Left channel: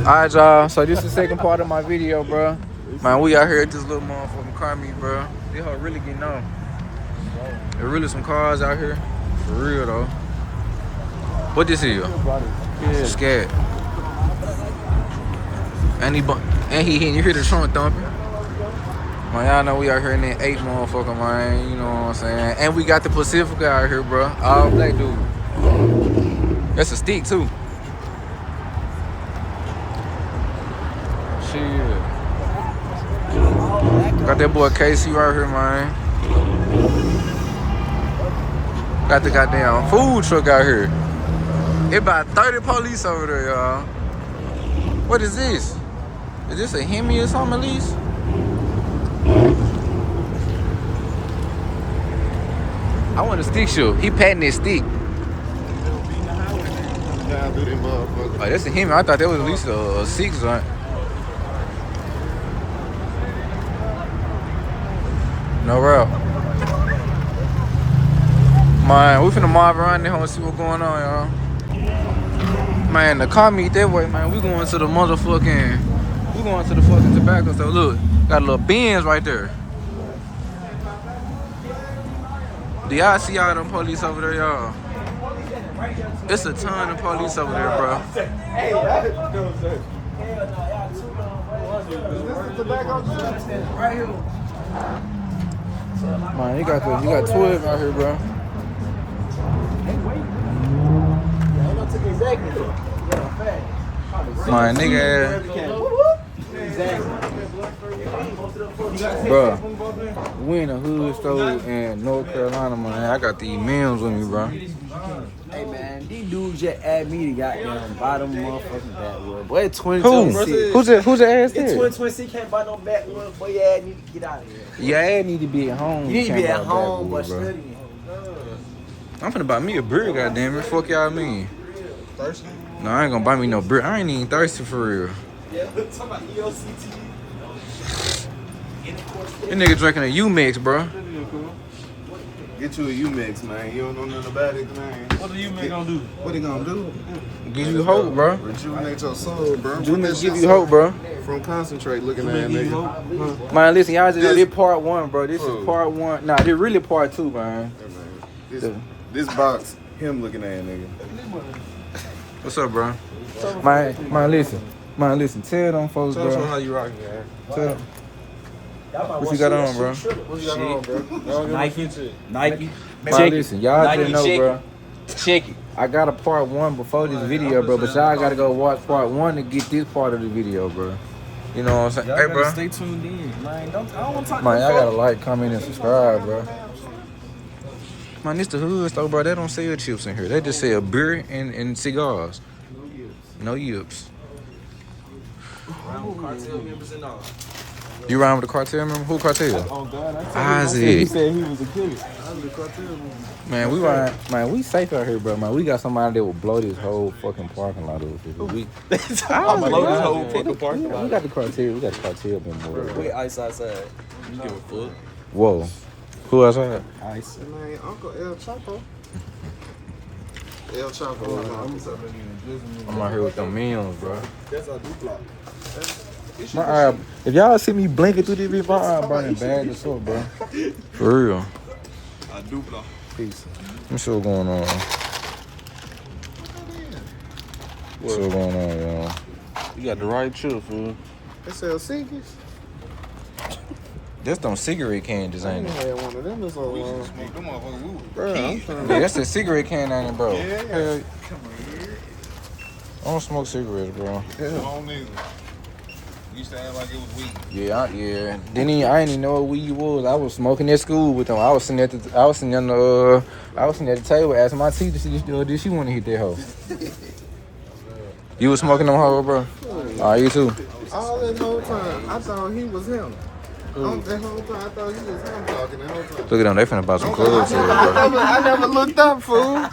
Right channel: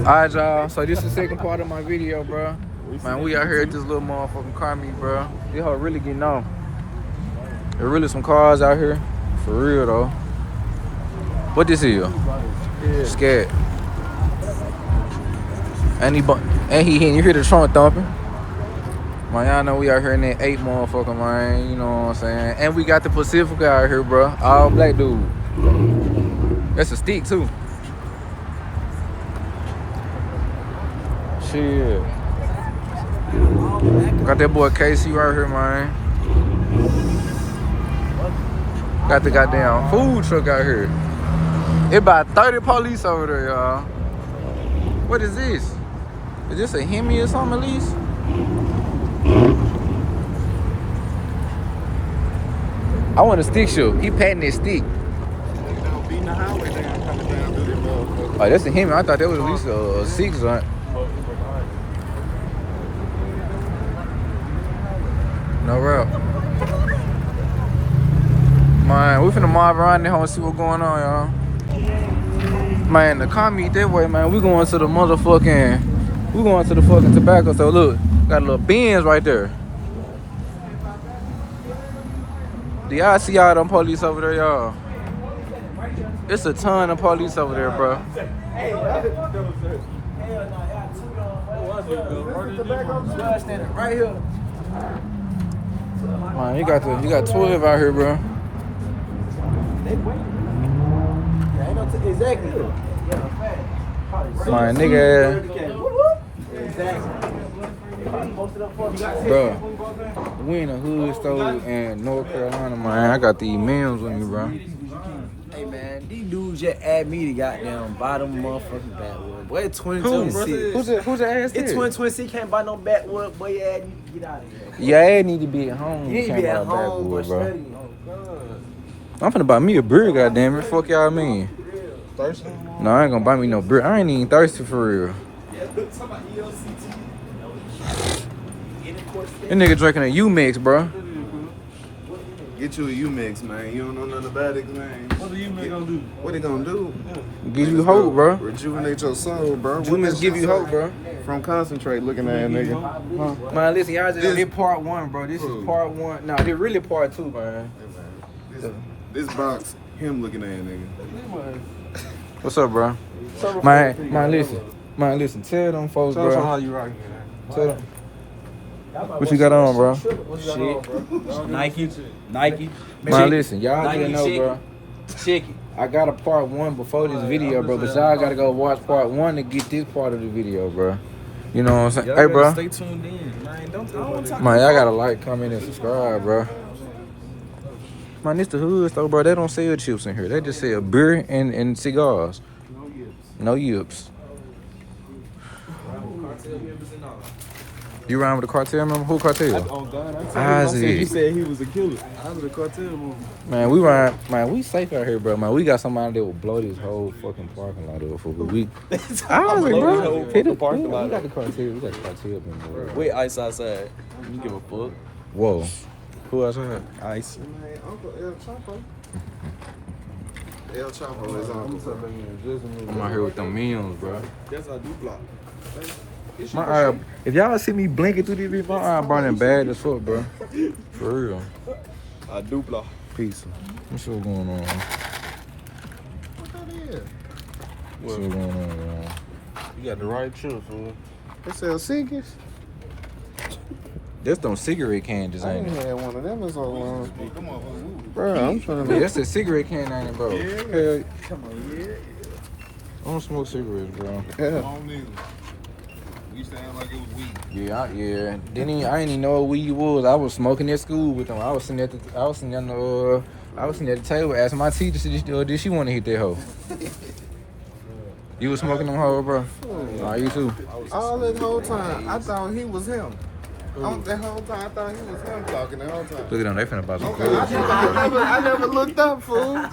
Alright, y'all. So this is the second part of my video, bro. Man, we out here at this little motherfucking car meet, bro. This hoe really getting on. There really some cars out here. For real, though. What this is? Scared. And he hitting. You hear the song thumping? Man, y'all know we out here in that 8 motherfucker, man. You know what I'm saying? And we got the Pacifica out here, bro. All black dude. That's a stick, too. Shit. Got that boy Casey right here, man. Got the goddamn food truck out here. It about 30 police over there, y'all. What is this? Is this a Hemi or something at least? I want a stick show. He patting his stick. Oh, that's a Hemi. I thought that was at least a 6 joint. No route. Man, we finna mob around there and see what's going on, y'all. Man, the car meet that way, man. We going to the fucking tobacco store. Look, got a little Benz right there. Do y'all see all them police over there, y'all? It's a ton of police over there, bro. Right here. Man, you got 12 out here, bro. My nigga, bro. We in a hood store in North Carolina, man. I got these meals with me, bro. Hey man, these dudes just add me to goddamn bottom motherfucking backwood. Boy, it's 2026. Who's the ass? It's 2026, can't buy no backwood. Boy, your ass need to get out of here. Yeah, I need to be at home. You need to be at home, bro. studying. I'm finna buy me a beer, goddamn it. Fuck y'all mean. Thirsty? No, I ain't gonna buy me no beer. I ain't even thirsty for real. That nigga drinking a U-Mix, bro. Get you a U-Mix, man. You don't know nothing about it, man. What the U-Mix gonna do? What they gonna do? Give you hope, bro. Rejuvenate your soul, bro. U-Mix give you hope, bro. From concentrate looking at that nigga. Huh? Man, listen, y'all just did part 1, bro. This is part 1. Nah, this really part 2, man. This box, him looking at that nigga. What's up, bro? Man, listen. Tell them folks, bro. How you rocking, man? Tell them. What you got on, bro? Shit. Nike. Man, listen, y'all didn't know, bro. Check it. I got a part 1 before this video, bro, but y'all gotta go watch part 1 to get this part of the video, bro. You know what I'm saying? Y'all hey, bro. Stay tuned in, man. I don't talk. Man, y'all gotta like, comment, and subscribe, bro. Man, this the hood store, bro. They don't sell chips in here. They just sell beer and cigars. No yips. You rhyme with the cartel, remember? Who cartel? Oh, God. Isaac. He said he was a killer. I was a cartel. Man, we safe out here, bro. Man, we got somebody that will blow this whole fucking parking lot up for we. I'm blow this whole fucking parking lot. We got the cartel. We got the cartel been more. Wait, ice outside. You give a fuck. Whoa. Who outside? Ice. Man, Uncle El Chapo. El Chapo. I'm out here with them meals, bro. That's our duplex. My eye, if y'all see me blinking through this, my eye burning bad as fuck, bro. For real. Our duplex. Peace. Let me see what's going on. What's going on, y'all? You got the right chill, fool. They sell cigarettes. That's them cigarette candies, ain't it? Yeah, one of them is on. Bro, Yeah, that's a cigarette can, ain't it, bro? Yeah. Hell, come on, I don't smoke cigarettes, bro. You sound like it was weed. Yeah. I ain't even know what weed was. I was smoking at school with them. I was sitting at the table asking my teacher, did she want to hit that hoe? You was smoking them hoe, bro? You too. All that whole time, I thought he was him. That whole time, I thought he was him talking that whole time. Look at them, they finna buy some clubs here, bro. I never looked up, fool.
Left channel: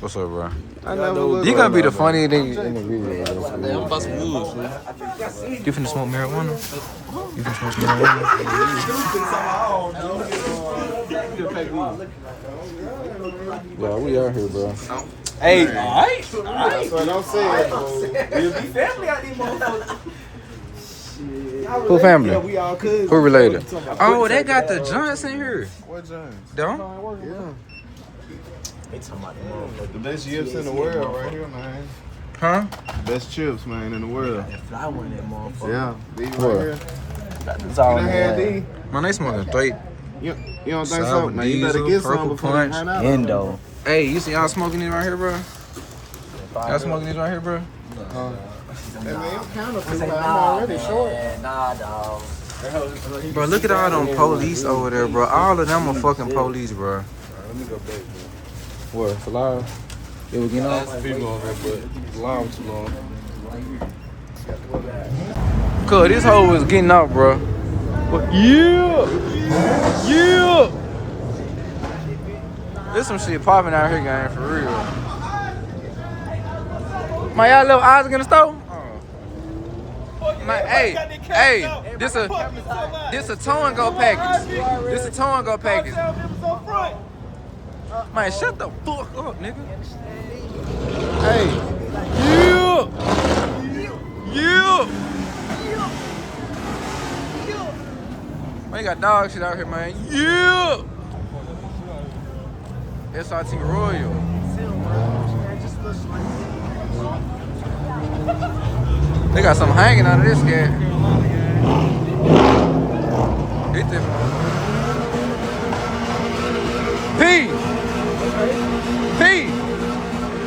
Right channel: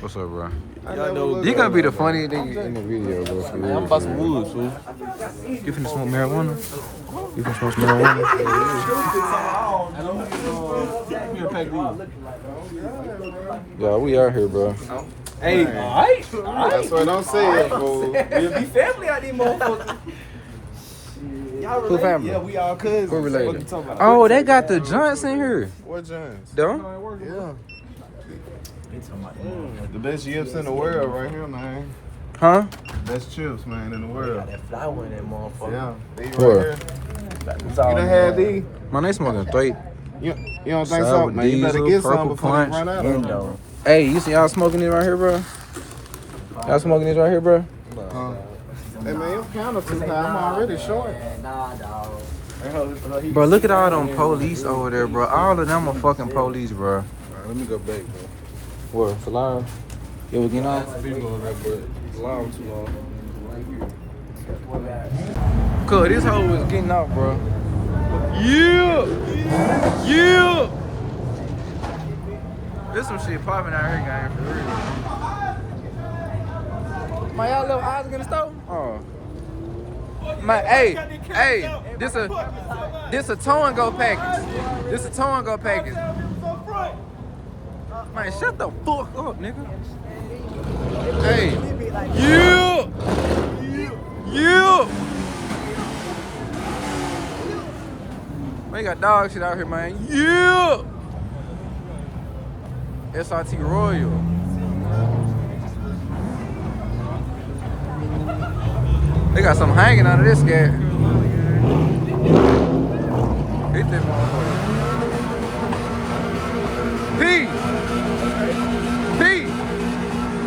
What's up, bro? Y'all know You gonna be the funny nigga in the video, bro. For real, about some for real. woods, fool. You finna smoke marijuana? You finna smoke some marijuana? Yeah, we out here, bro. Hey, Man. alright. That's what I'm saying, fool. We family out these motherfuckers. Who family? Yeah, we all cousins. Who related? Oh, they got the joints in here. What James? Don't? They talking about the motherfuckers. The best chips in the world right here, man. Huh? Best chips, man, in the world. That flour in that motherfucker. Yeah. These Where? right here. It's You all done had these? Man, they smoking straight. You don't think Sour so? Man, you better diesel, get purple some before punch. you run out. Endo. Hey, you see y'all smoking it right here, bro? Y'all smoking this right here, bro? Hey, man, your counterfeit, man. I'm already short. Nah, dog. Bro, look at all them police over there, bro. All of them are fucking police, bro. Let me go back. What? For live? Yeah, we getting off? People on there, but long too long. Cuz this hoe was getting up, bro. Yeah! Yeah! There's some shit popping out here, gang, for real. Man, y'all little eyes in the store? Oh. Man, hey, this a tow and go package. This a tow and go package. Man, shut the fuck up, nigga. Hey. Yeah! Yeah! Man, you got dog shit out here, man. Yeah! SRT Royal. They got something hanging out of this guy. Hit that motherfucker. P!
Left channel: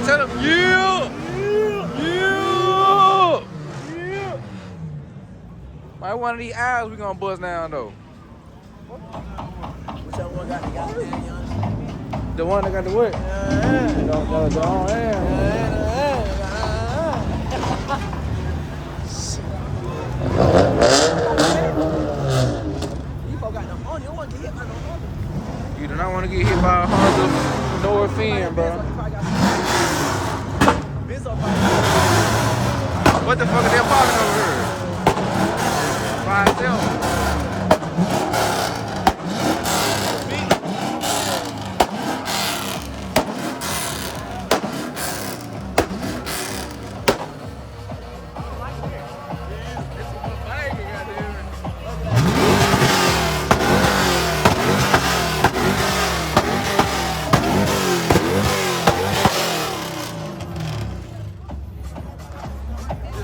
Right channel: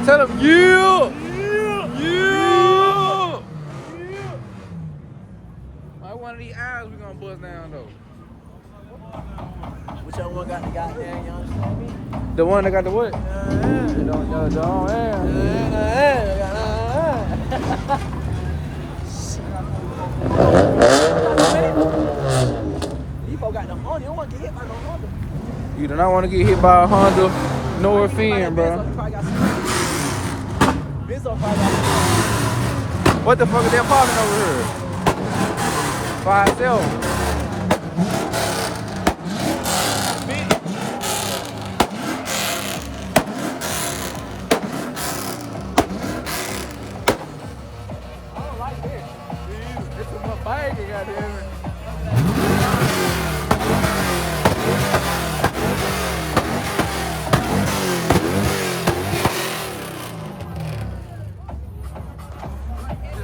Tell him, yeah! Man, one of these eyes we gonna bust down, though. The one that got the what? The You do not want to get hit by a Honda. No offense, bro. What the fuck are they parking over here? By itself.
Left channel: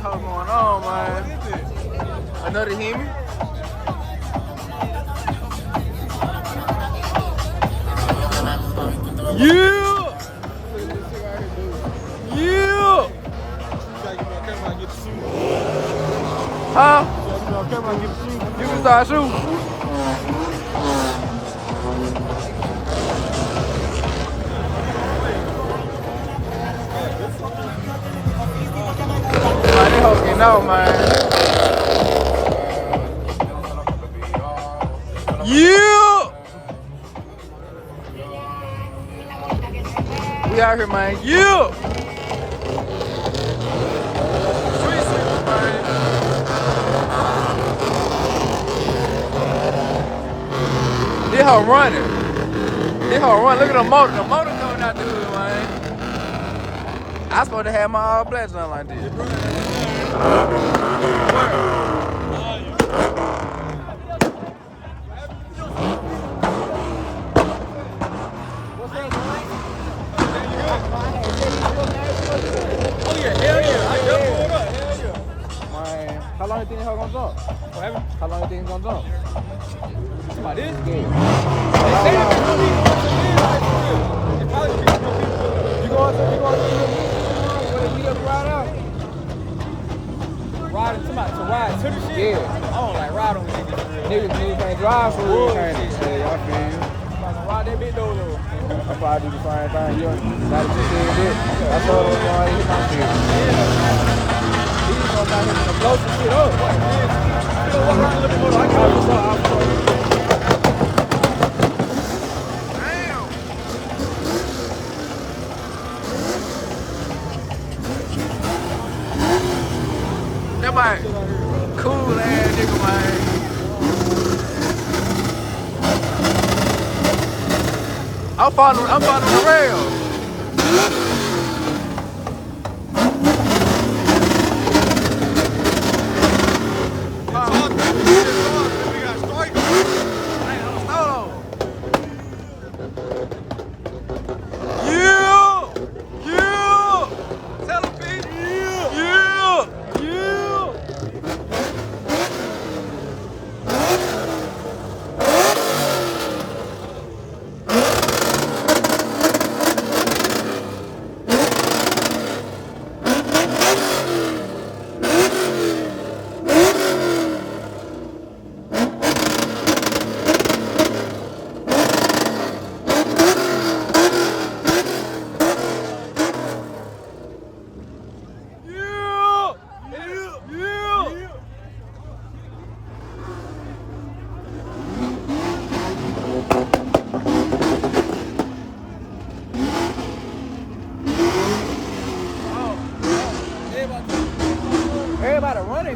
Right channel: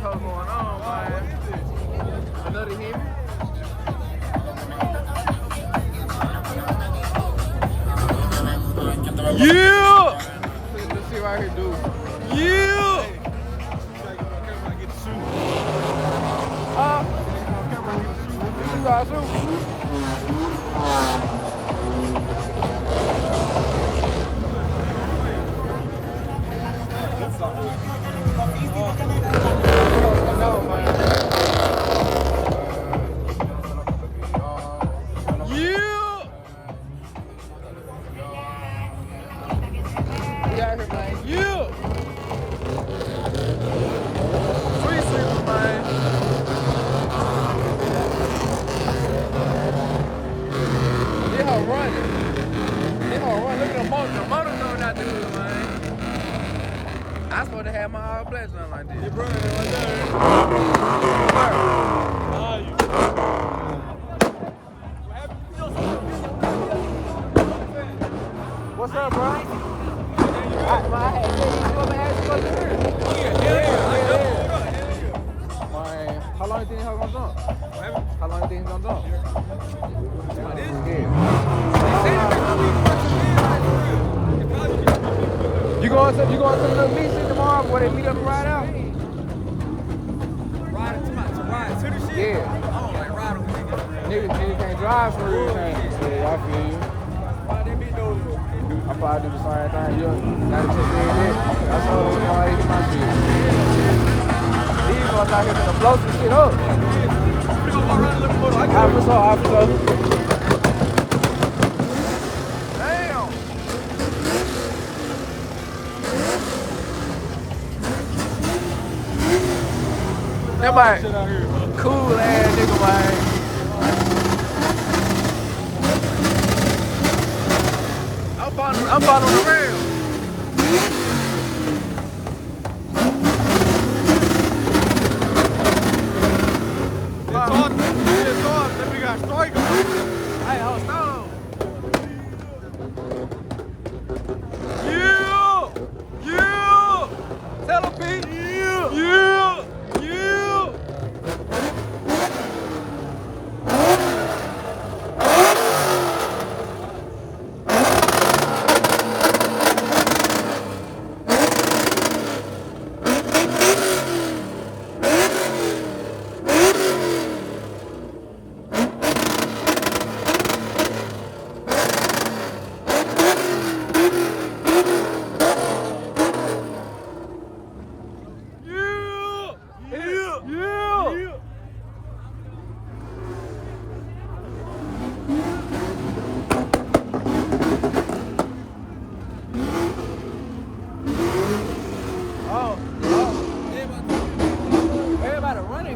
What's going on, man? Another Hemi? Yeah! Look at this shit right here, dude. Yeah! Huh? You can start shooting. Man, they hoes getting out, man. Yeah! We out here, man. Yeah! Street sweepers, man. They hoe running. They hoe running. Look at the motor. The motor coming out the hood, man. I supposed to have my all black on like this. Where? What's up, bro? I had Jay, you come and ask you what's in here. Oh, yeah. Man, how long you think he's gonna jump? How long you think he's gonna jump? Like this? Yeah. But all right. You going to the beach tomorrow where they meet up and ride out? Ride to the shit? Yeah. I don't like ride on these. Niggas can't drive for real, can't they? Yeah, y'all feel you. Ride that bitch though. I probably do the same thing. You got to consider that. I told them why I hit my shit. These ones out here gonna blow some shit up. We gonna walk around a little bit more. I for sure. Damn. That boy, cool ass nigga, man. I'm following the rail.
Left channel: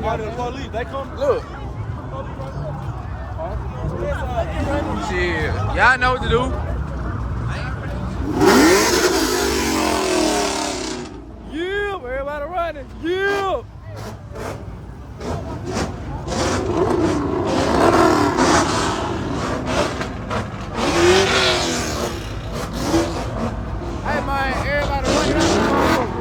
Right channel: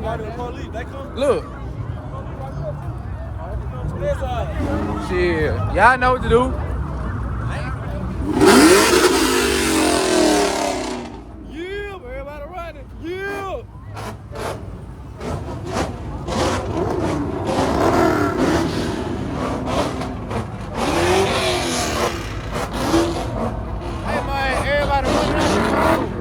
got the police. They come. Look. Shit. Y'all know what to do. Yeah, everybody running. Yeah. Hey man, everybody running out there, motherfucker.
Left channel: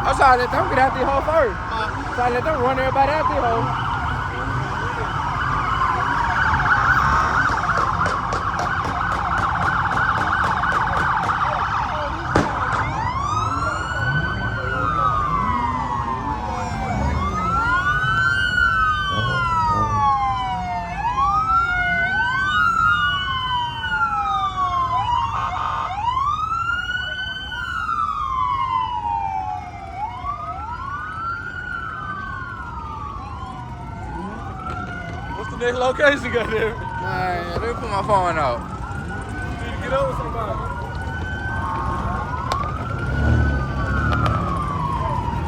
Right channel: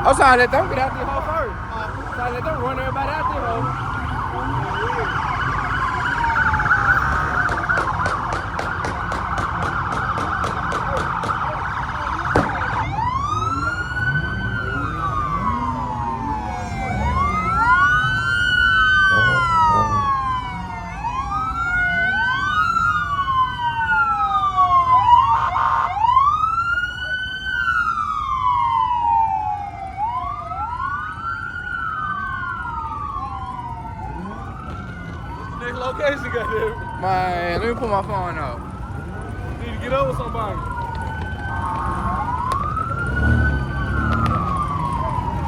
I'm trying to let them get out there hole first. Trying to let them run everybody out there hole. Next location got there. Man, let me put my phone out. Need to get over somebody.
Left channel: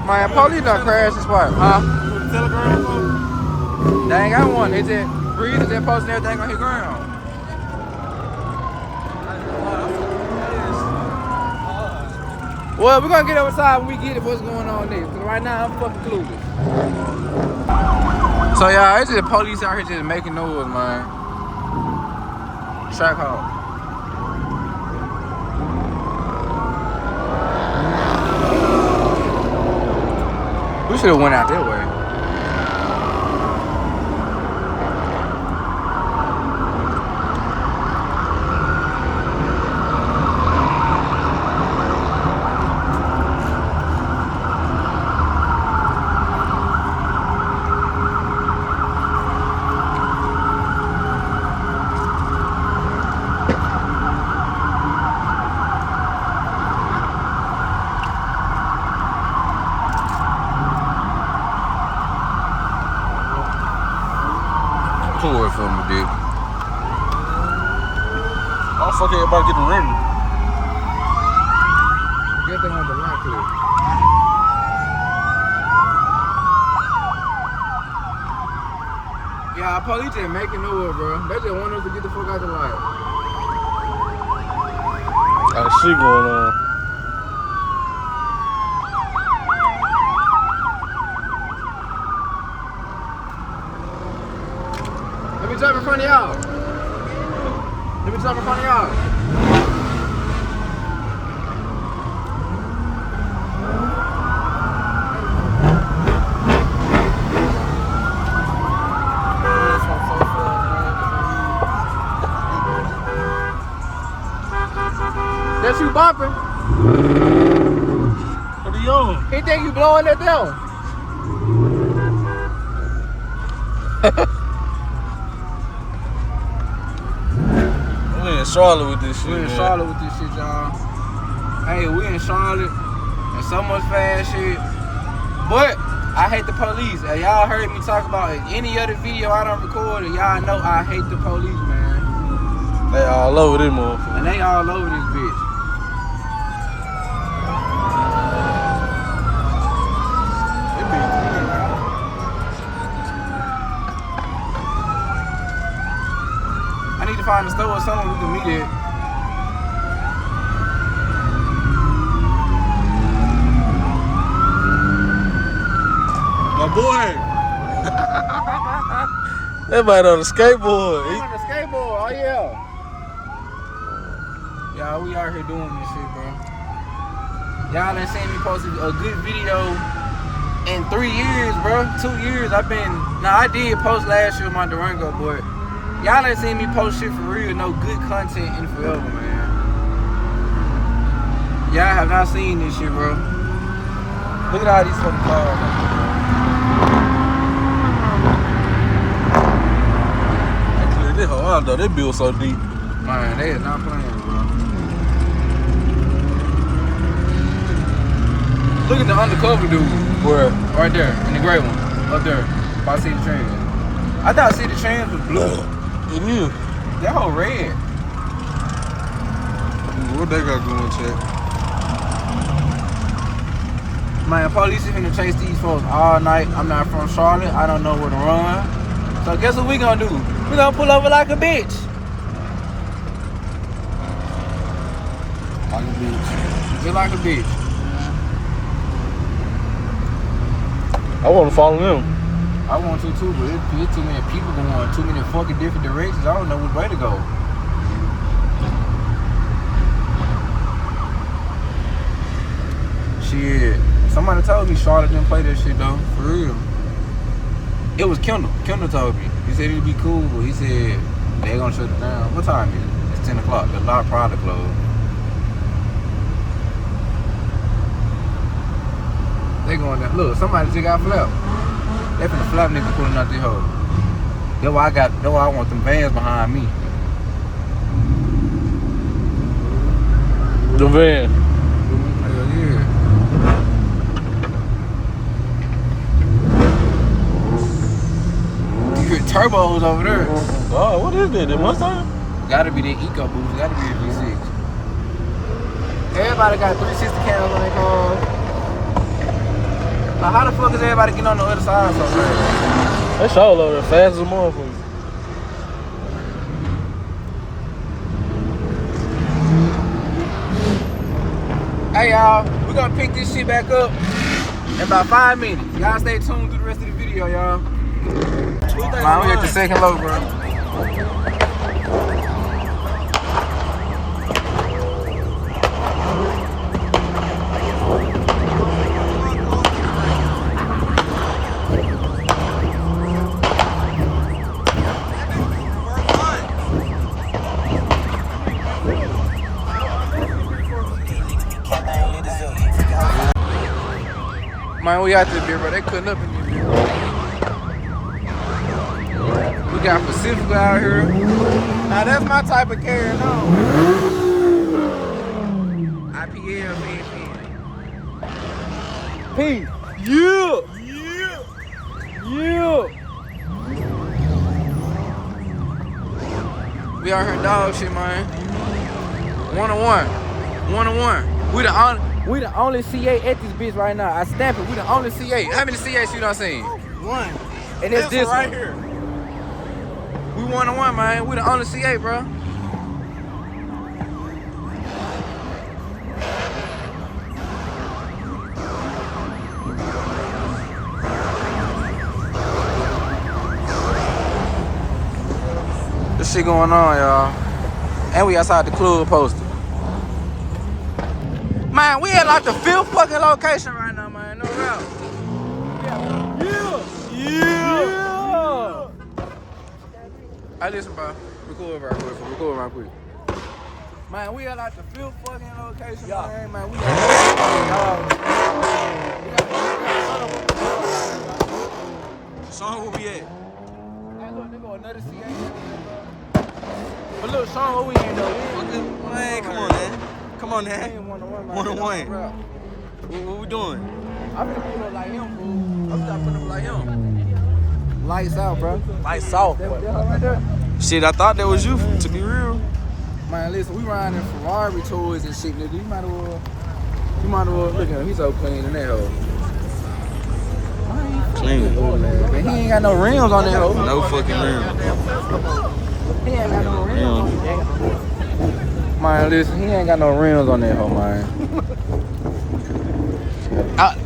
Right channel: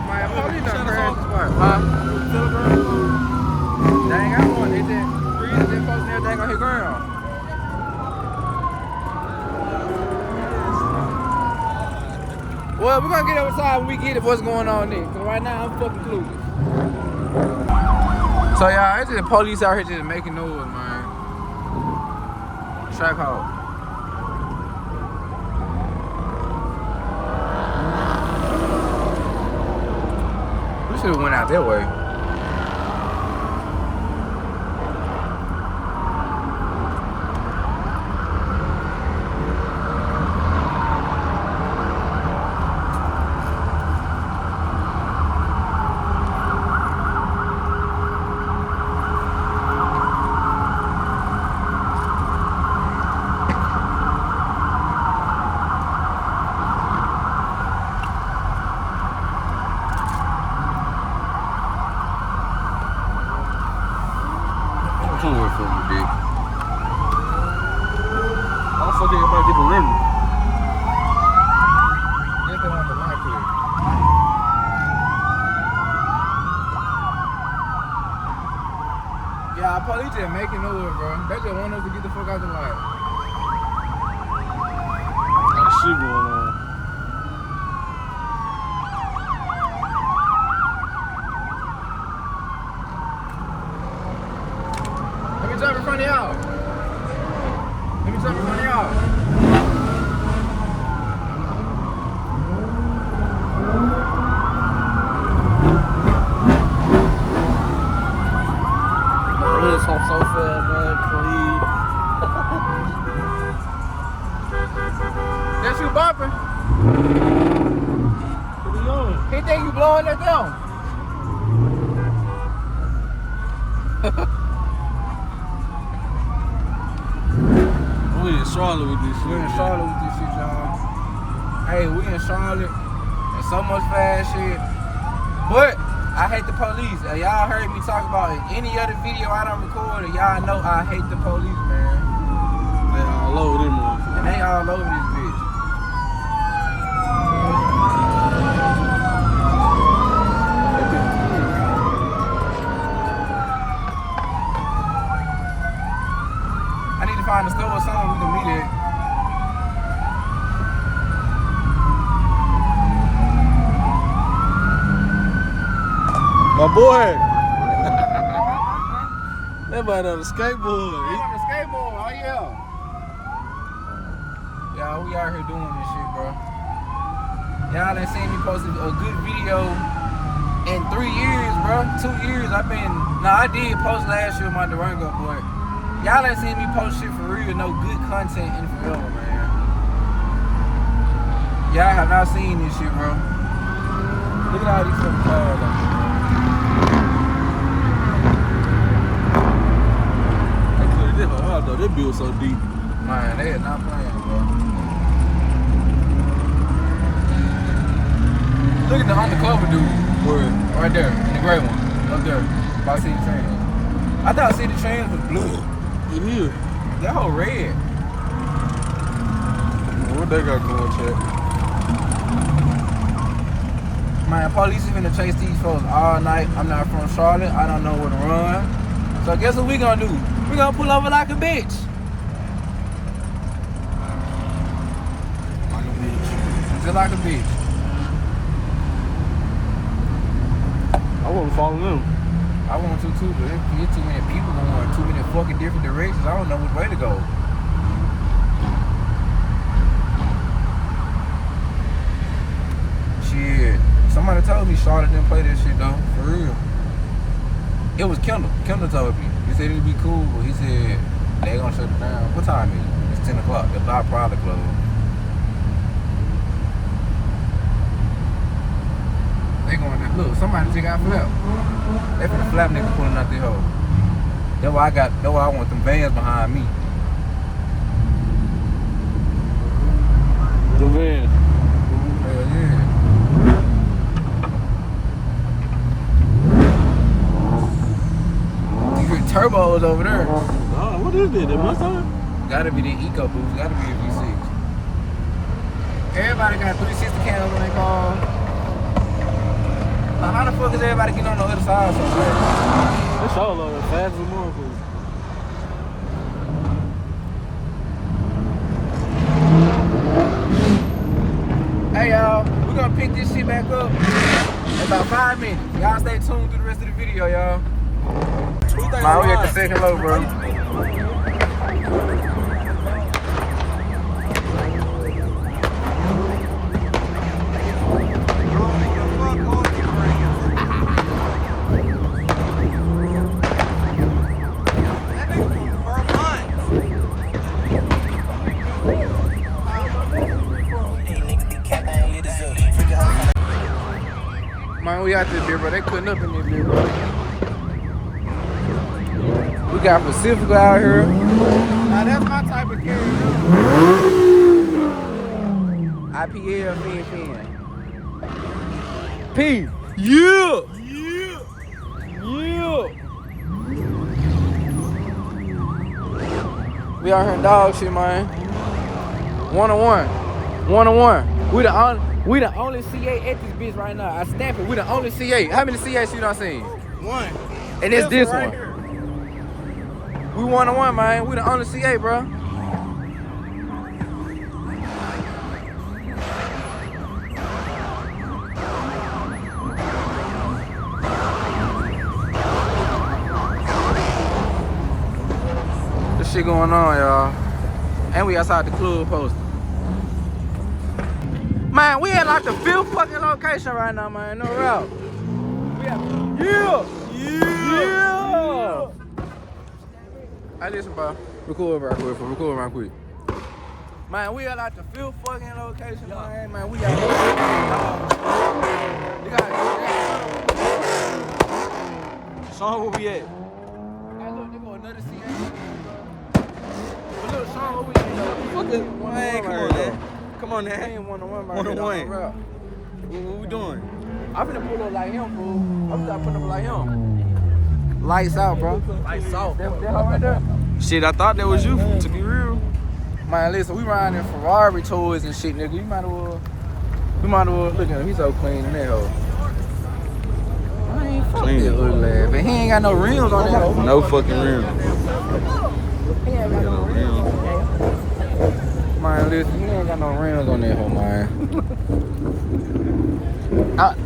Man, police done crashed this spot, huh? They ain't got one. They just breathing, just posting everything on his ground. Well, we're gonna get outside when we get it what's going on next. Cause right now I'm fucking clueless. So y'all, it's just the police out here just making noise, man. Track hall. We should have went out that way. Pull it from me, dude. Why the fuck everybody get the river? I guess they want the light here. Yeah, police just making noise, bro. They just want us to get the fuck out the light. Got shit going on. Let me jump in front of y'all. Let me jump in front of y'all. That's you bopping. What are you on? He think you blowing that down. We in Charlotte with this shit. We in man. Charlotte with this shit, y'all. Hey, we in Charlotte and so much fast shit. But I hate the police. Y'all heard me talk about it. Any other video I don't record, y'all know I hate the police, man. They all over this motherfucker. And they all over this bitch. That bitch weird. I need to find a store or something we can meet at. My boy. That man on a skateboard. We on the skateboard, oh yeah. Y'all, we out here doing this shit, bro. Y'all ain't seen me post a good video in 3 years, bro. 2 years. I did post last year with my Durango, but y'all ain't seen me post shit for real, no good content in forever, man. Y'all have not seen this shit, bro. Look at all these fucking cars out here, They cleared this whole out though. They built so deep. man. They are not playing, bro. Look at the undercover dude. Where? Right there, in the gray one. Up there. By City Trans. I thought City Trans was blue. It is. That whole red. What they got going, chat? Man, police is gonna chase these folks all night. I'm not from Charlotte. I don't know where to run. So guess what we gonna do? We gonna pull over like a bitch. Like a bitch. Just like a bitch. I want to follow them. I want to too, but it's too many people going too many fucking different directions. I don't know which way to go. Shit. Somebody told me Charlotte didn't play that shit though. For real. It was Kendall. Kendall told me. He said it'd be cool, but he said they gonna shut it down. What time is it? It's 10 o'clock. The lot probably closed. They going down. Look, somebody just got flap. They finna flap nigga pulling out their hole. That's why I want them vans behind me. The van. Hell yeah. You hear turbos over there. Oh, what is that? The Mustang? Gotta be the EcoBoost. Gotta be the V6. Everybody got 360 cams on their cars. Now how the fuck is everybody getting on the other side so fast? They sure load as fast as a motherfucker. Hey y'all, we're gonna pick this shit back up in about 5 minutes. Y'all stay tuned through the rest of the video, y'all. Man, we at the second low, bro. Man, we out this beer, bro. They cutting up in this beer, bro. We got Pacifica out here. Now that's my type of carrying on. IPL, P. Yeah. We out here in dog shit, man. 1-1. We the only CA at this bitch right now. I stamp it. We the only CA. How many CAs you done seen? One. And it's this right one. here. We 1-1, man. We the only CA, bro. This shit going on, y'all. And we outside the club posted. Man, we at like the 5th fucking location right now, man. No doubt. We at yeah. Hey, listen, bro. Record real quick. Man, we at like the 5th fucking location, man. We got Sean, where we at? Hey, look, they go another CA. Look, Sean, where we at, though? Man, come on, man. Come on, man. 1-1. What we doing? I'm gonna pull up like him, bro. I'm gonna pull up like him. Lights out, bro. Lights off. That right there. Shit, I thought that was you, to be real. Man, listen, we riding in Ferrari toys and shit, nigga. You might as well look at him. He's so clean, hell. I ain't Clean. fucking ugly ass, but he ain't got no rims on that hoe. No fucking rims. He ain't Ain't got no rims. Man, listen, he ain't got no rims on that hoe, man.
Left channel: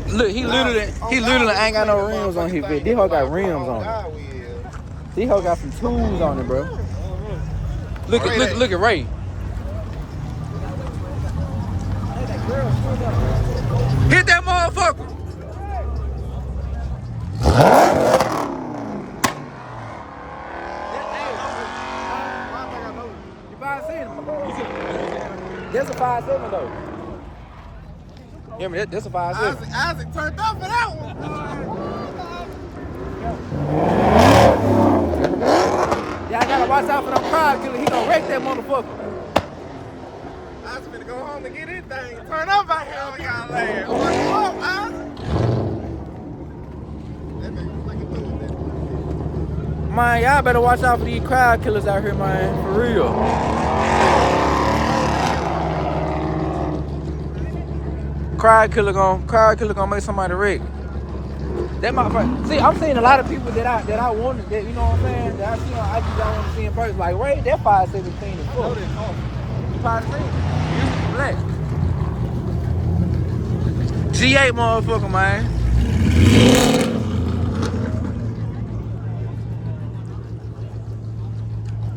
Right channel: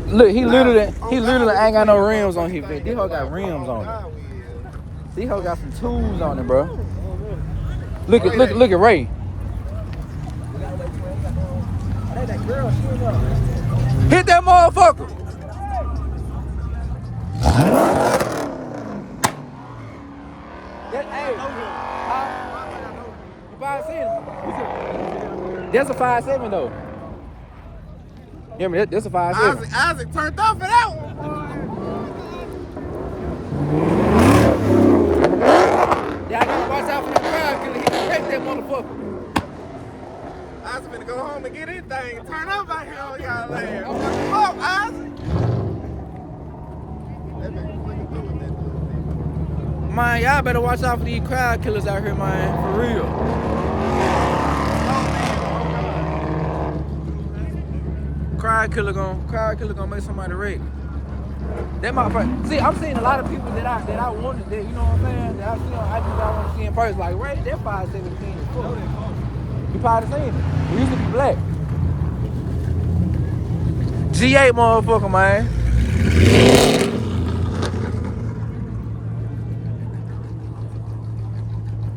Look, he literally ain't got no rims on his bed. This hoe got rims on it. This hoe got some tools on it, bro. Look at Ray. Hit that motherfucker. You 5'7". That's a 5'7" though. Yeah, man, that's a 5.7. Isaac turned up for that one. Yeah, I gotta watch out for them crowd killer. He gonna wreck that motherfucker. Isaac finna go home and get his thing. Turn up out here on y'all land. I'm like, come up, Isaac. Man, y'all better watch out for these crowd killers out here, man. For real. Crowd killer gonna make somebody wreck. That my first. See, I'm seeing a lot of people that I wanted, that, you know what I'm saying, that I see on IG that I want to see in person. Like Ray, that 5.7 clean as fuck. You probably seen it. He used to be black. G8 motherfucker, man.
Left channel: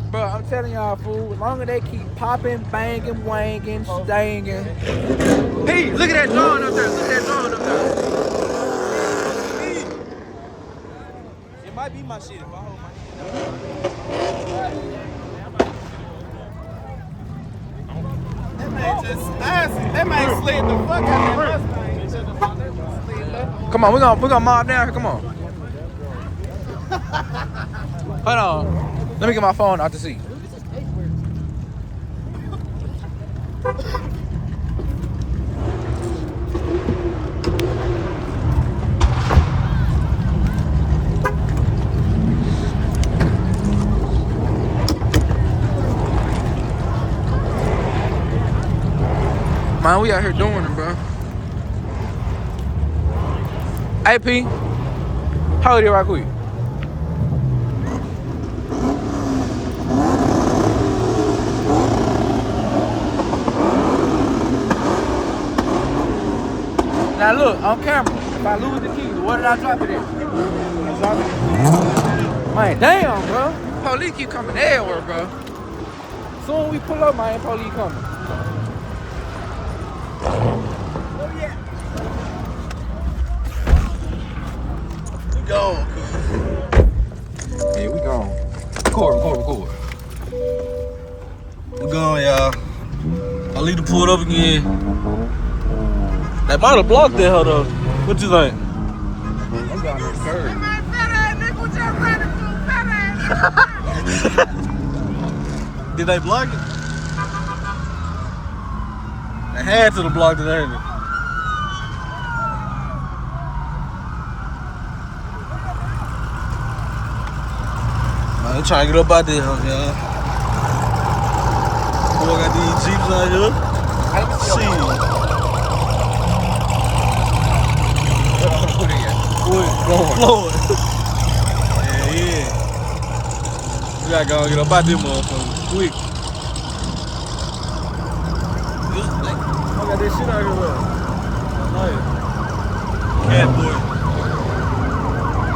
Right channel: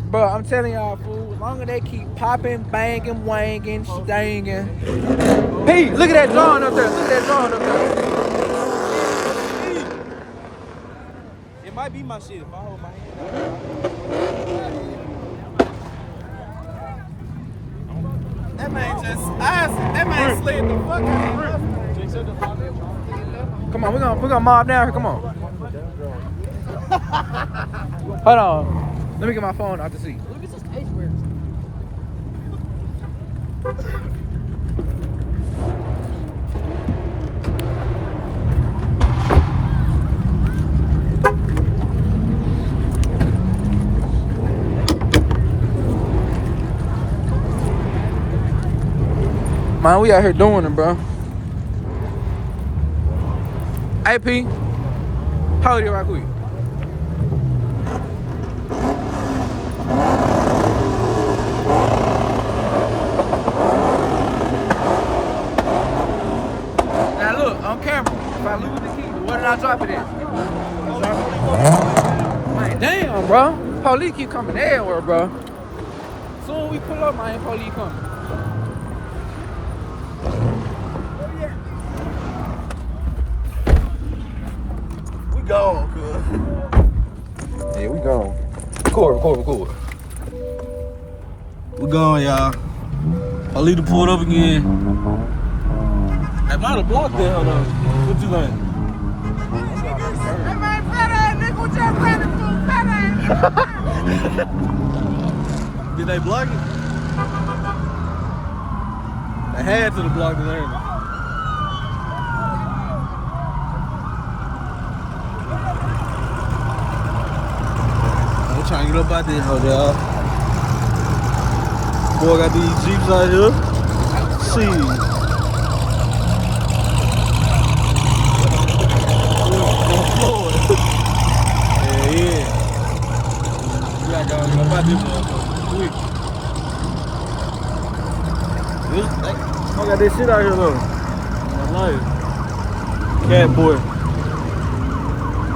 Bro, I'm telling y'all, fool, as long as they keep popping, banging, wanging, stanging. Hey, look at that drawing up there. Look at that drawing up there. It might be my shit. If I hold my hand That man just, Isaac, that man slid the fuck out of that Mustang. Come on, we're gonna mob down here. Come on. Hold on. Let me get my phone out the seat. Man, we out here doing it, bro. AP, how old are you right quick? Now look, on camera, if I lose the key, where did I drop it at? I drop it. Man, damn, bro. Police keep coming everywhere, bro. Soon we pull up, man, police coming. Go, cuz. Yeah, we gone. Record. We going, y'all. I'll leave the pull up again. They might have blocked that, hold on. What you think? I'm got no curve. Did they block it? They had to have blocked it, ain't they? I'm trying to get up out there, y'all. Boy, got these Jeeps out here. Shit. Going Floyd. Yeah. We gotta go and get up out this motherfucker quick. I got this shit out here, look. Nice. Cat boy.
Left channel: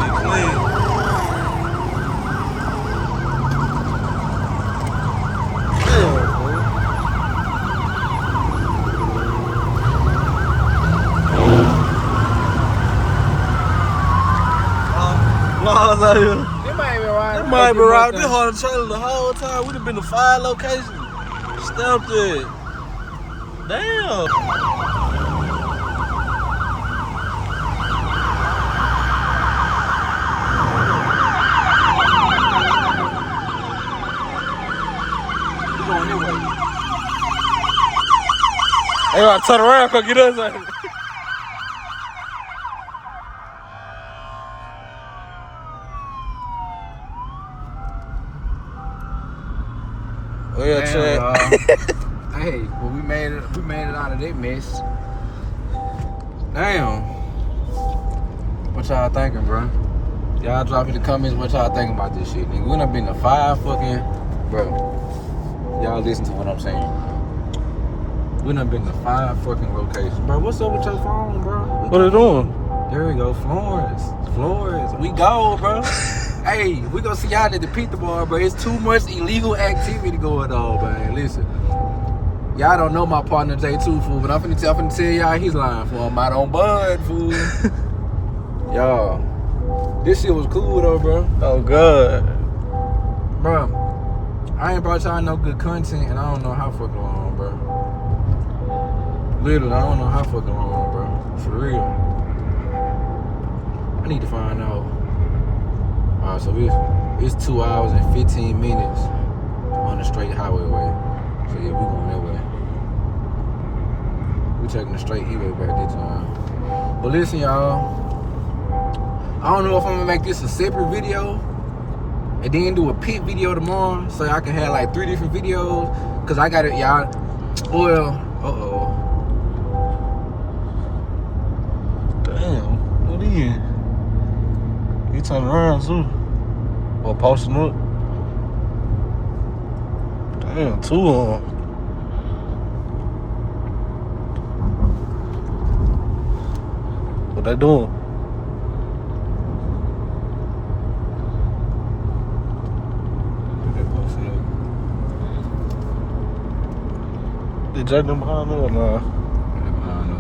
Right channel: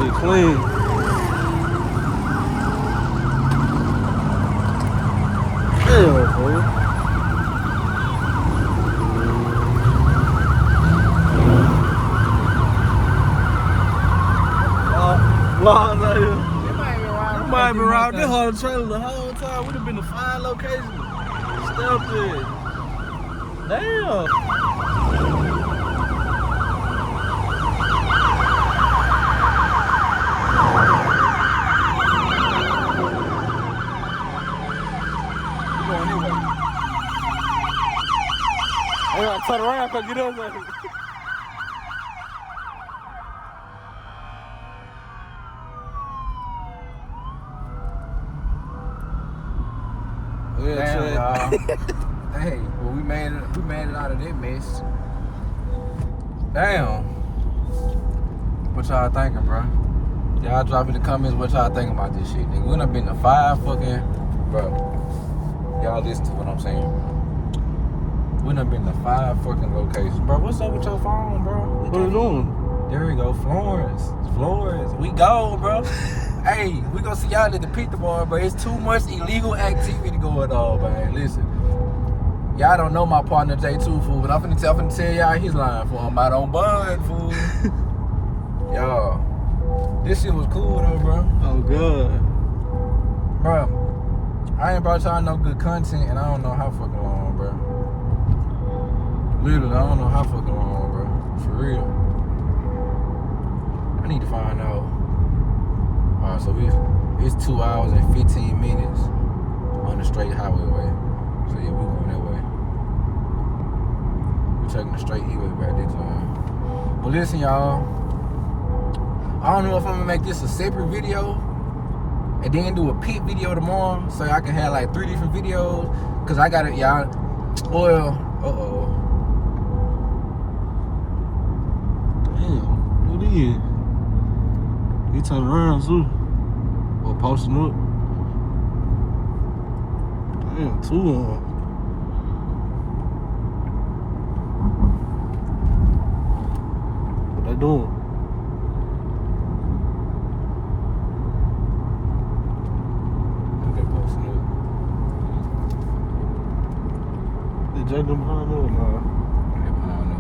It's clean. Laws out here. It might be around this whole trailer the whole time. We'd have been to 5 locations. Stepped it. Damn. We going this way. They gotta turn around, come get us out here. Hey, well, we made it out of that mess. Damn. What y'all thinking, bro? Y'all drop in the comments what y'all thinking about this shit. Nigga, we done been to 5 fucking, bro. Y'all listen to what I'm saying. We done been to 5 fucking locations, bro. What's up with your phone, bro? What are they doing? There we go, Florence. We go, bro. Hey, we gonna see y'all at the Pizza Bar, bro. It's too much illegal activity going on, man. Listen, y'all don't know my partner J2, fool, but I'm finna tell y'all he's lying, fool. I'm out on Bud, fool. Y'all, this shit was cool though, bro. Oh, God. Bro, I ain't brought y'all no good content, and I don't know how fucking long, bro. Literally, I don't know how fucking long, bro. For real. I need to find out. Alright, so it's 2 hours and 15 minutes on the straight highway way. So yeah, we going that way. We taking the straight E-way back this time. But listen, y'all. I don't know if I'm gonna make this a separate video and then do a pit video tomorrow so I can have like 3 different videos. Cause I got it, y'all. Well, Damn, what are you? You turn around too. Or posting up. Damn, 2 of them. What they doing? They jerking behind me or not? They behind us.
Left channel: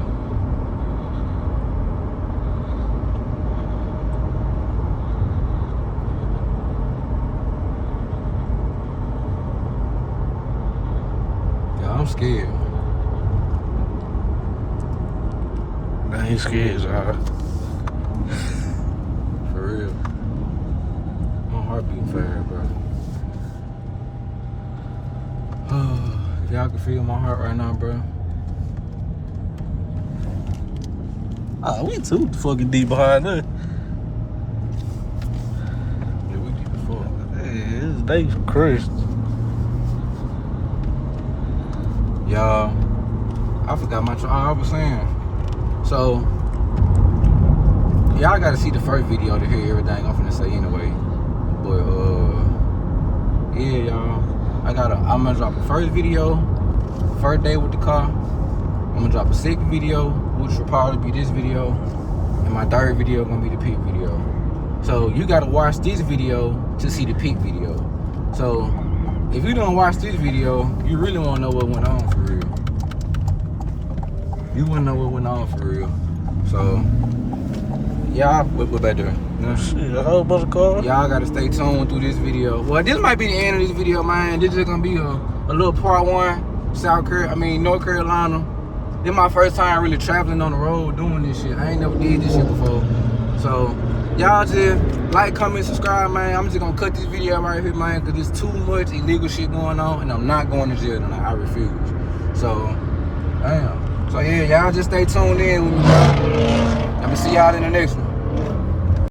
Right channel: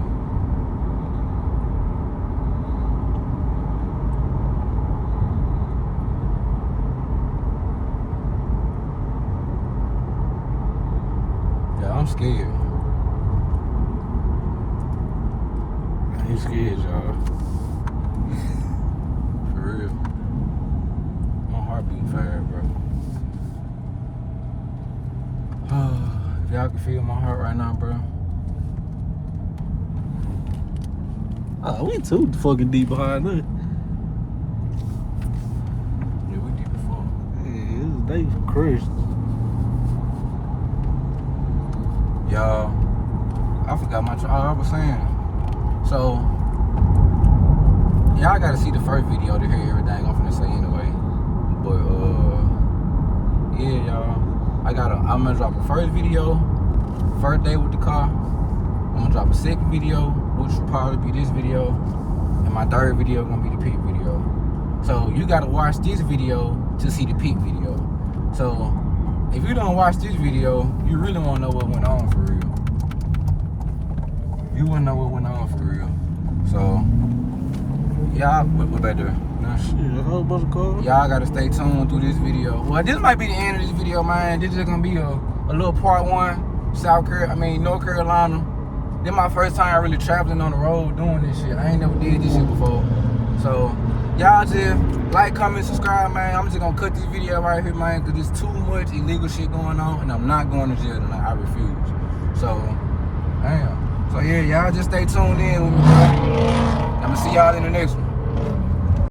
Yeah, I'm scared. I ain't scared, y'all. For real. My heart beating fast, bro. If y'all can feel my heart right now, bro. Ah, we too fucking deep behind that. Yeah, we deep as fuck. Man, this day crushed. Y'all, I forgot I was saying. So, y'all gotta see the first video to hear everything I'm finna say anyway. But, yeah, y'all. I'm gonna drop a first video, first day with the car. I'm gonna drop a second video, which will probably be this video. And my third video gonna be the peak video. So, you gotta watch this video to see the peak video. So, if you don't watch this video, you really won't know what went on for real. You wouldn't know what went on for real. So, y'all, what back there? Yeah. Shit, a whole bunch of cars. Y'all gotta stay tuned through this video. Well, this might be the end of this video, man. This is gonna be a little part 1, North Carolina. This my first time really traveling on the road doing this shit. I ain't never did this shit before. So, y'all just like, comment, subscribe, man. I'm just gonna cut this video right here, man, because there's too much illegal shit going on, and I'm not going to jail tonight. I refuse. So, damn. So, yeah, y'all just stay tuned in. I'm gonna see y'all in the next one.